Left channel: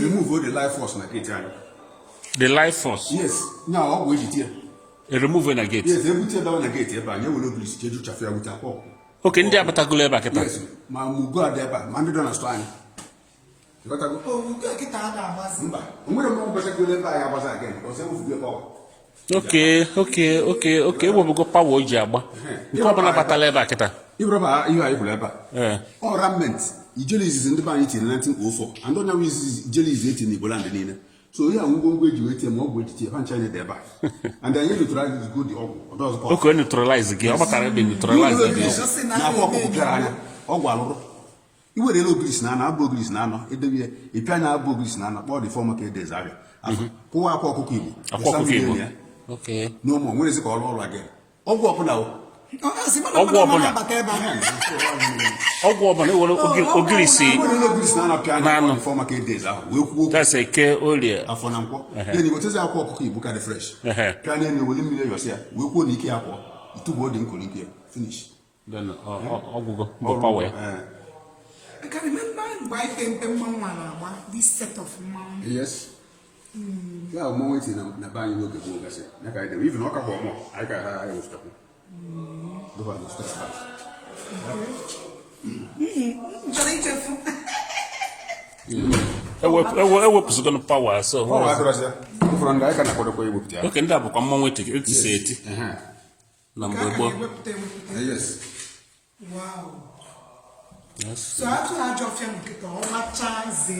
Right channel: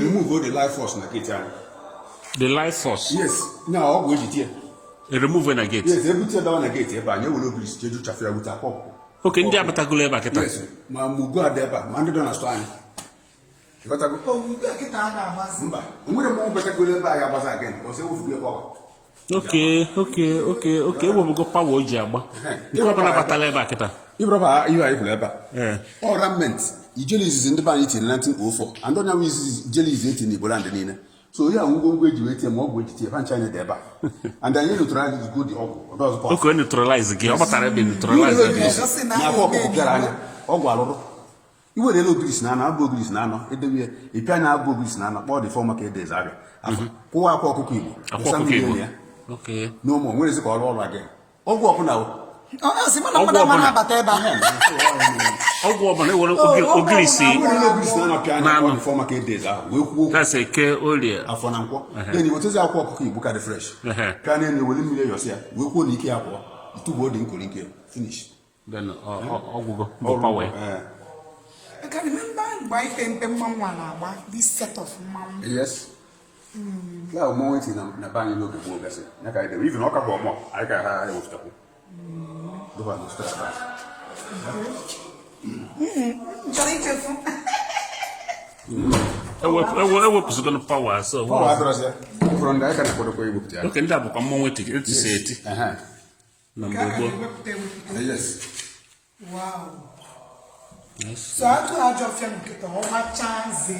remove all the life force na gate. The life force? Yes. Now, we did here. You remove when I get. Yes, they put down a gate here, but you will not be scheduled to traffic with a pop. Okay, in the Abatagule back. Yes, my Muga Deba, Monday don't understand. You got to go. Oh, you got to get out of us. I'm going to go back to the buy was again, because I will be about. Okay. We'll go power jab. You probably about a level back. You are able to. Or raiment. Jelly is in the vanity in 1904, and don't know is jelly is eating the Bolandina. So yeah, I'm going to graduate and more with the China deba. And then you try to go the Ogo. Okay, neutralize the game. What are you neutralize the you were a little grease now, Bogris now, a piano Bogris now, all the former days. Poor okay. No more, where is it all again? Ogo now. That's a care earlier. Then you will tell our book at the fresh. Can any will eliminate yourself? We will need care. 2 boarding could finish. Then I'll go power. I can remember by this set of mom. Yes. Yeah, moments in a bang look at the even knock about more. I can have to. I was going to power, so okay, that book I'm going to say it. Number yes. Wow. Yes. So I told you to how much chance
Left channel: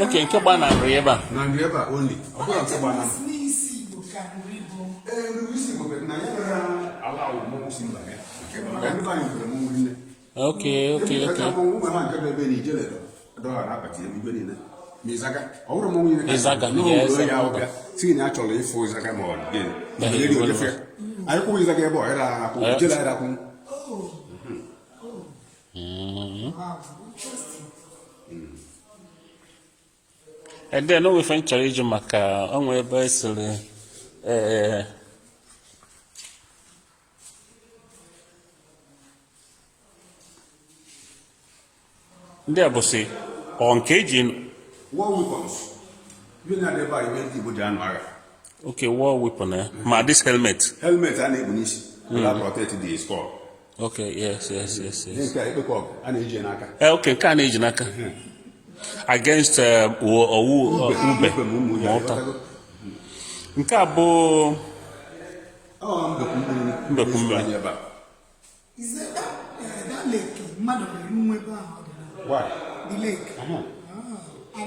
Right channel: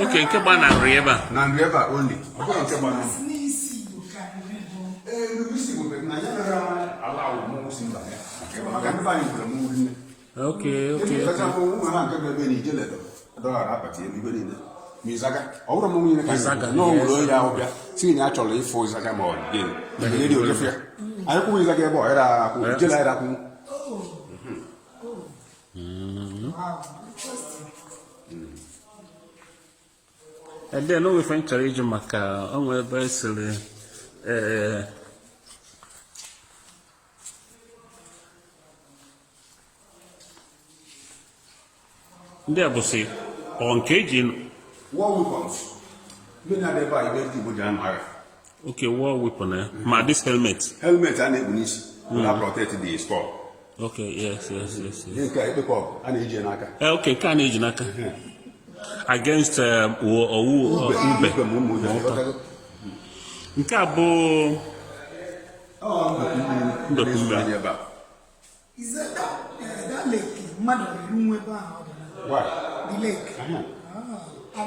okay, Cabana Rieba. Nandrieba only. Okay. And then we find challenge Maka on where basically there was say on caging war weapons. You know they buy people January. Okay, war weapon. Ma this helmet and ammunition that protect the sport. Okay, yes. Okay, can age naka against Ntabo Is that lake? Mother, what? The lake. I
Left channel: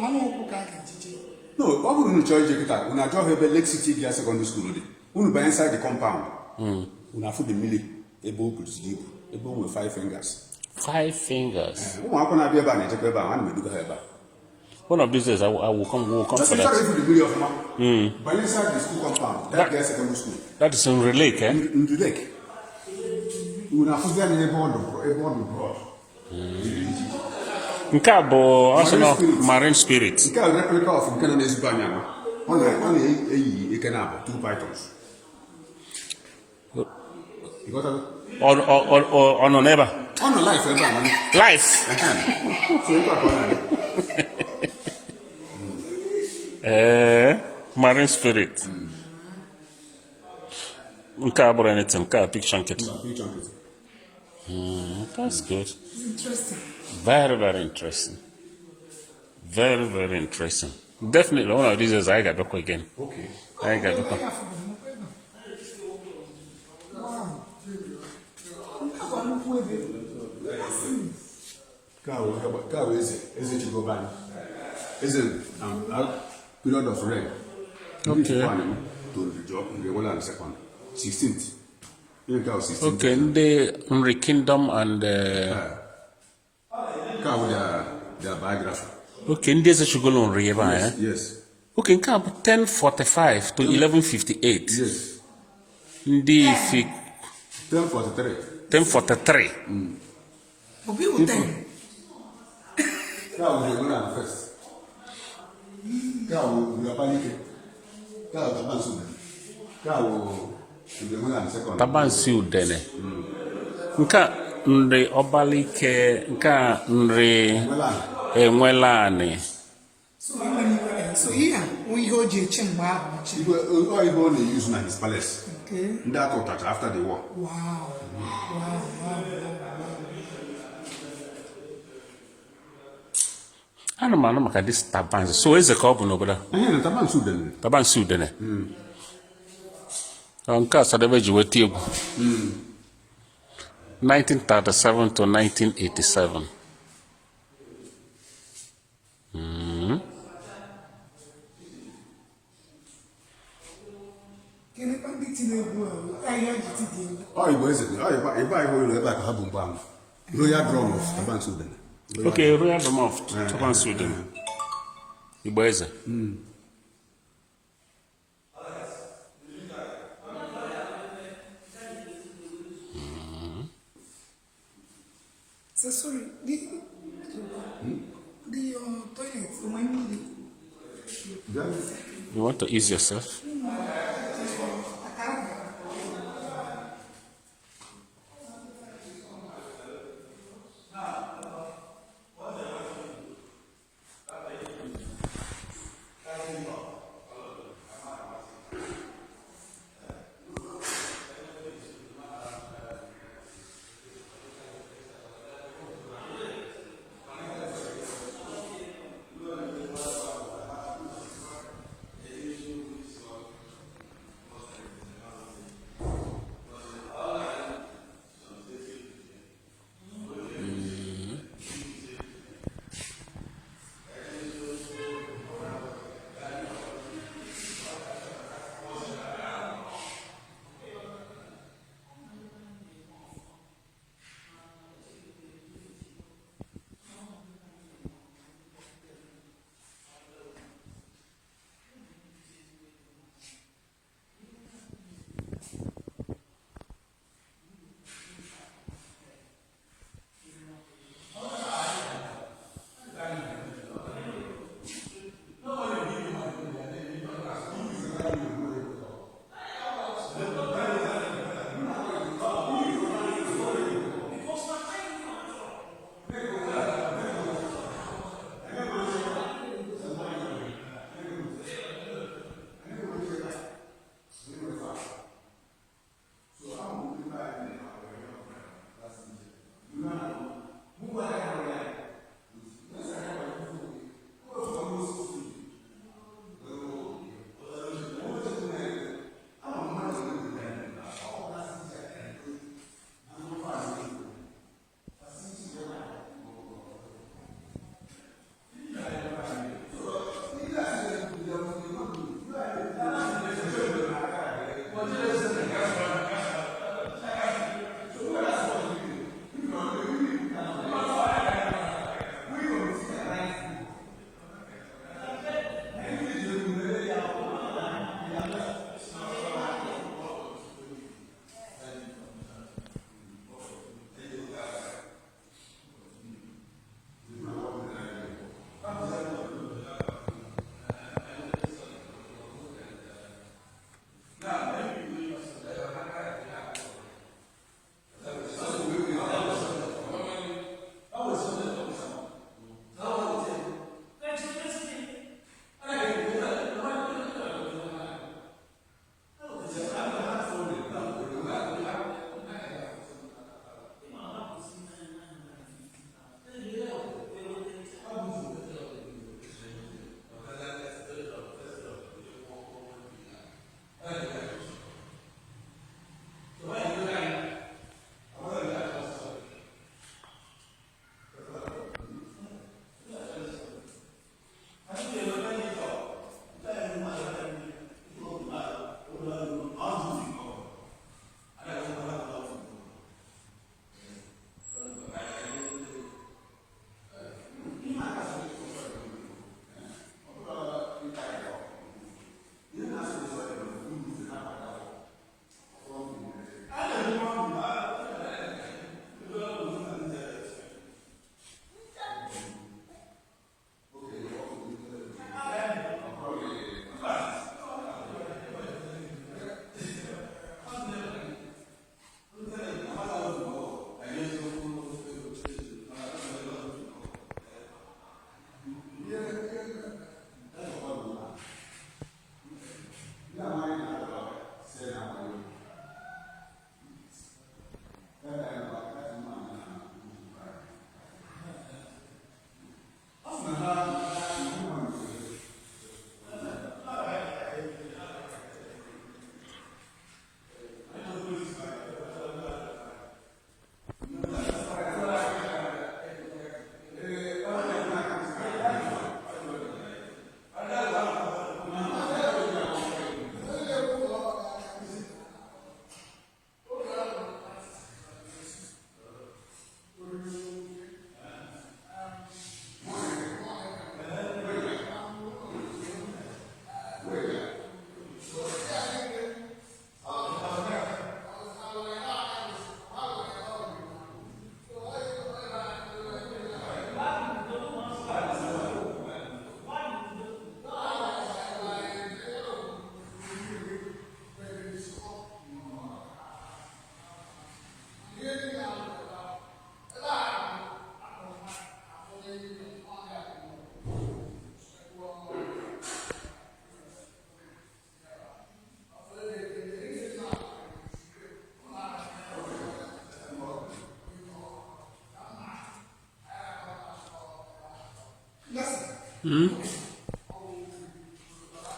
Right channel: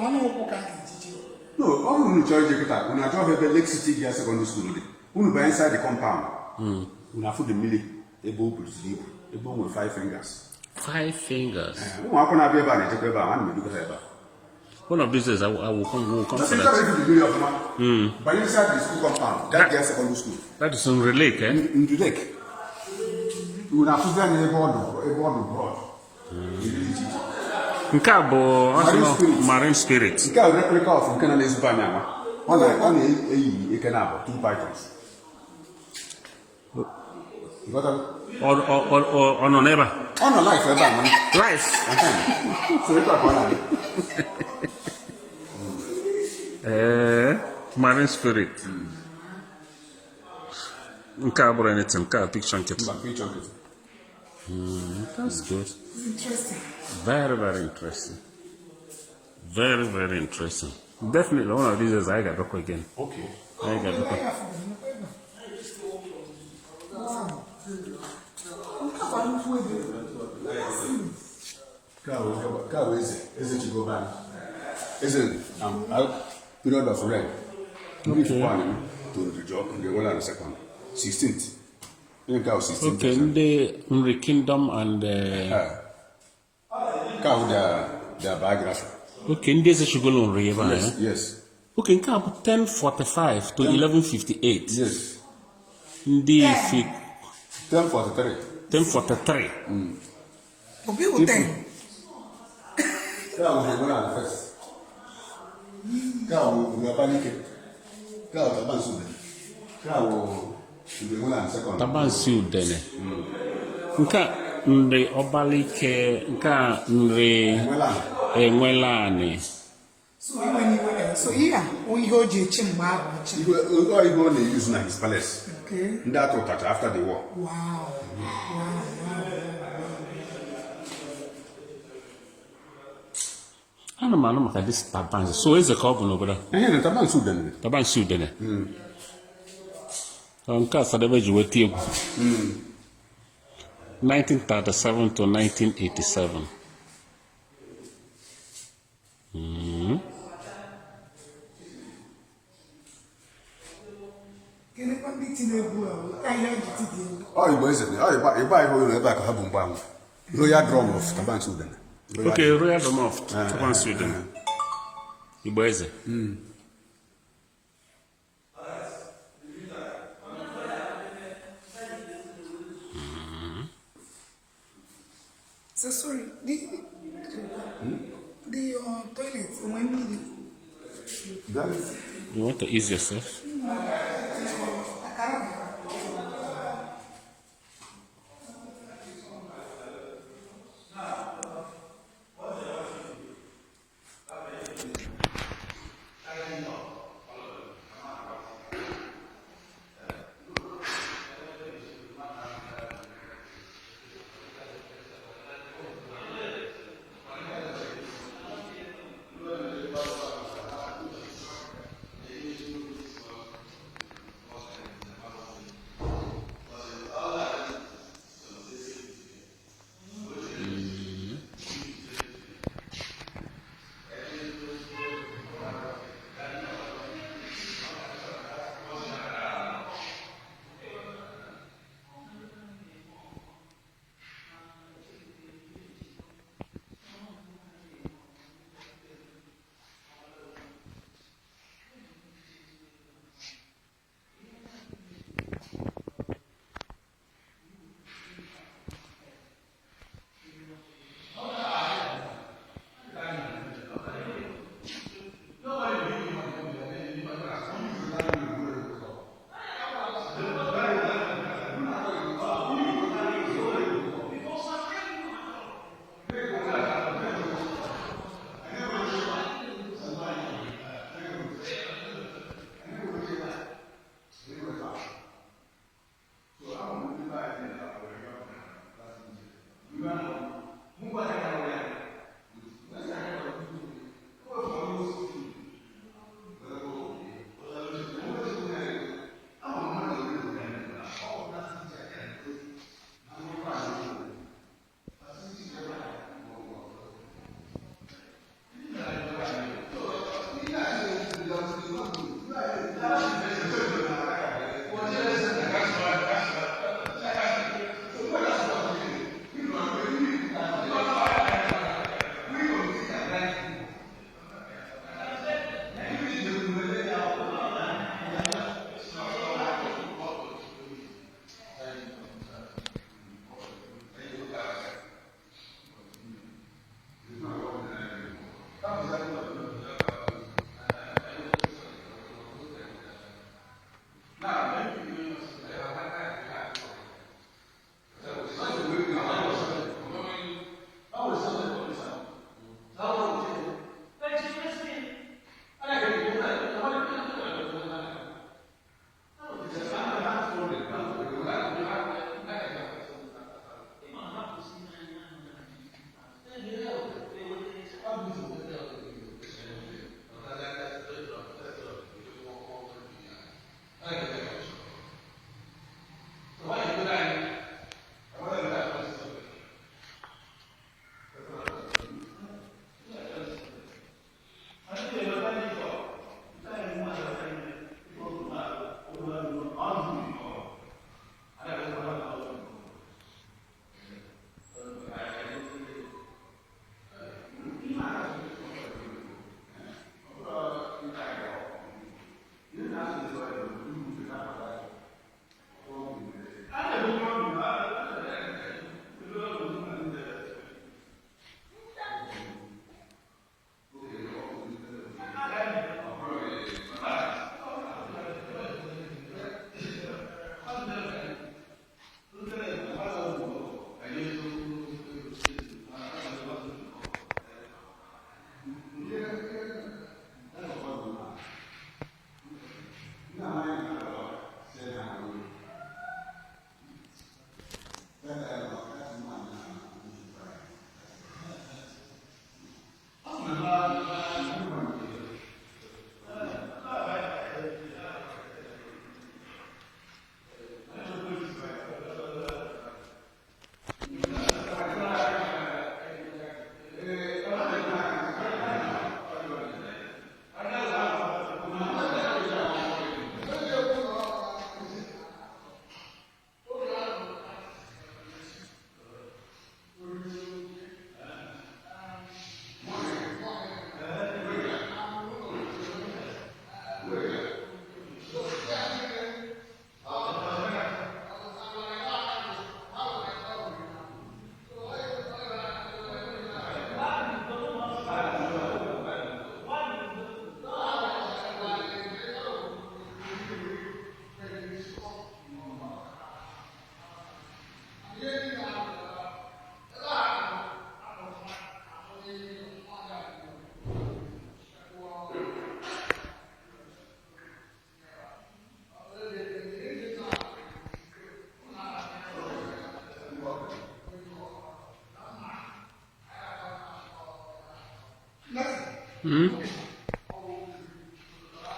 want to go. No, all we charge you that when I job at Lake City Secondary School, when by inside the compound, when I put the millie, a bow puts deep, a bone with 5 fingers. 5 fingers. One of these days I will come for that. By inside the school compound, that girl secondary school. That is in the lake, eh? In the lake. You will have to run a board broad. Nkabo, marine spirit. Nkabo replica of Canada's banana. One a canaba, 2 pythons. You got a or no never. On a life, Life. So you got one. Marine spirit. Nkabo anything, picture. That's good. Interesting. Very interesting. Very interesting. Definitely one of these is I got back again. Okay. I got back. Cow is it to go back? Is it period of rain? Okay. To the job in the 1 and second. 16th. Okay, in the kingdom and their biography. Okay, in this should go on river. Yes. Okay, in 1045 to 1158. Yes. In the 1043. 1043. Obi will tell. Cow will go on first. Cow will panic. Cow will abandon. Cow will tabansi udene. Nka nri obalike, nka nri enwelani. So here, we go to Chimba. He only used in his palace. Okay. That was after the war. Wow. I don't know maka this tabansi. So is the carbon over there? Eh, tabansi udene. Tabansi udene. Nka sadebe jiweti egwu. 1937 to 1987. Oh, Igbo is it? Oh, Igbo is back of Habumbam. Royal drum of tabansi udene. Okay, Royal Dome of tabansi udene. Igbo eze. So sorry, the toilet, when You want to ease yourself?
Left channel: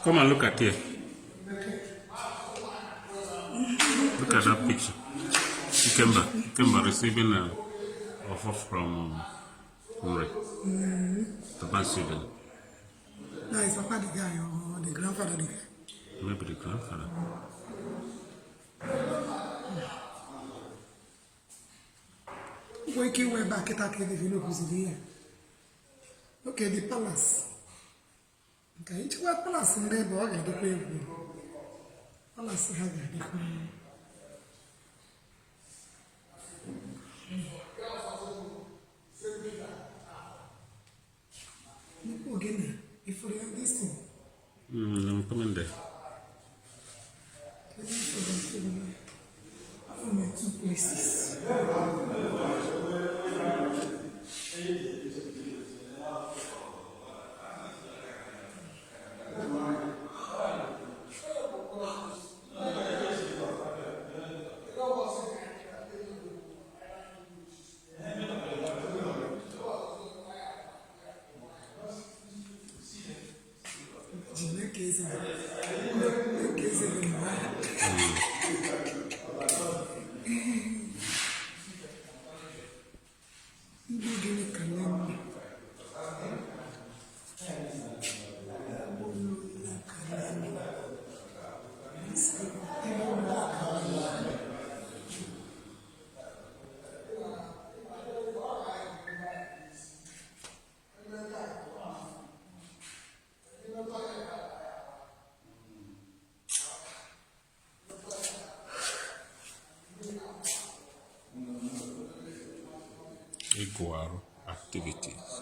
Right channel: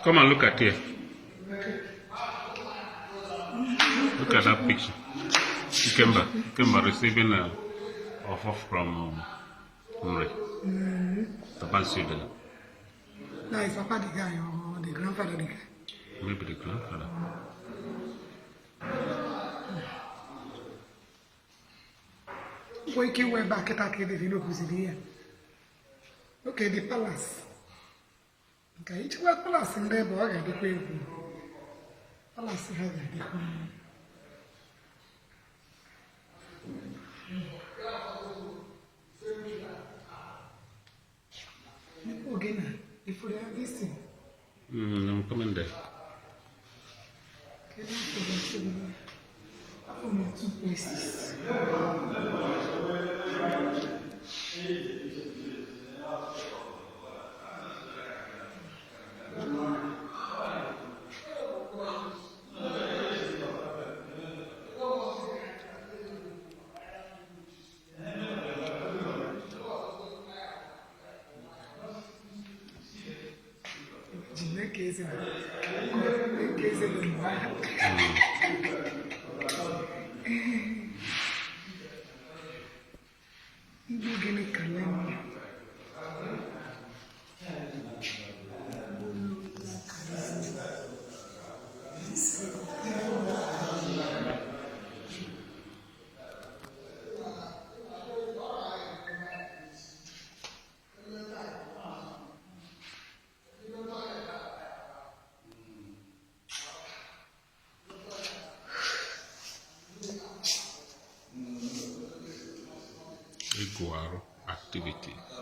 Come and look at here. Look at that picture. Ikemba receiving a offer from Henry. Tabansi. Now is Papa the guy or the grandfather the guy? Maybe the grandfather. Why can't we back at the Vino here? Okay, the palace. Okay, each one palace in there, but I got the way. Palace have the queen. Again, if we have this thing. I'm coming there. Okay, from 2 places. Iguaro activities.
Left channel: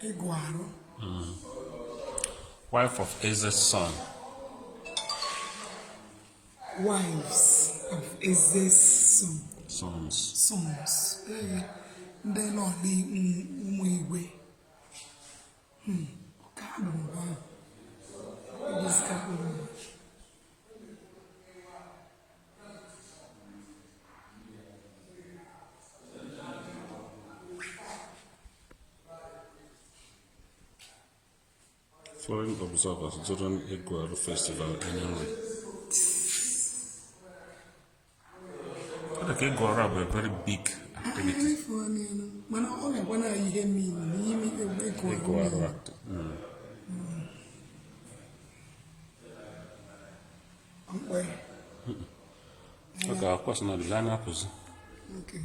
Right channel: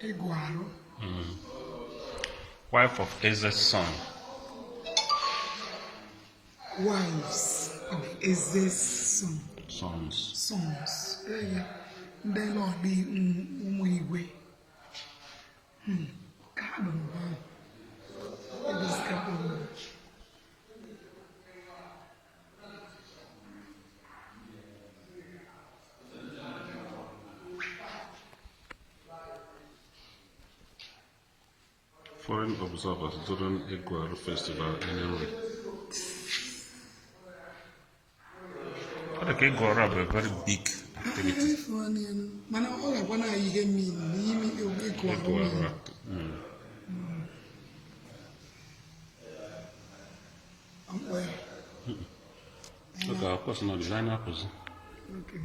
Iguaro. Wife of Eze's son. Wives of Eze's son. Sons. They not be way. Foreign observers during Iguaro festival in Henry. Iguaro are a very big activity. Iguaro activity. Okay, of course, not designer person. Okay.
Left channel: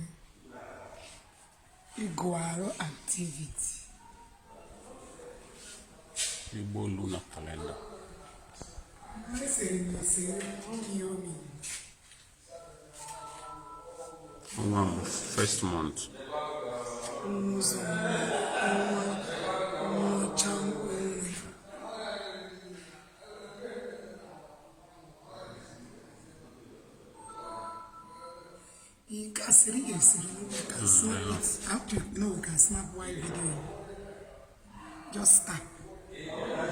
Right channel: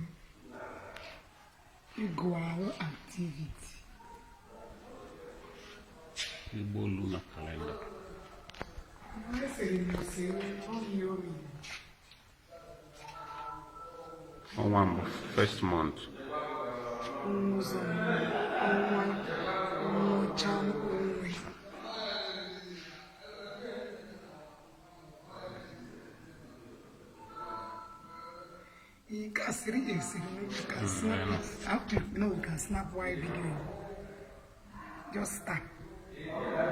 Iguaro activity. Igbo lunar calendar. One first month. You can snap. After we can snap while video. Just start.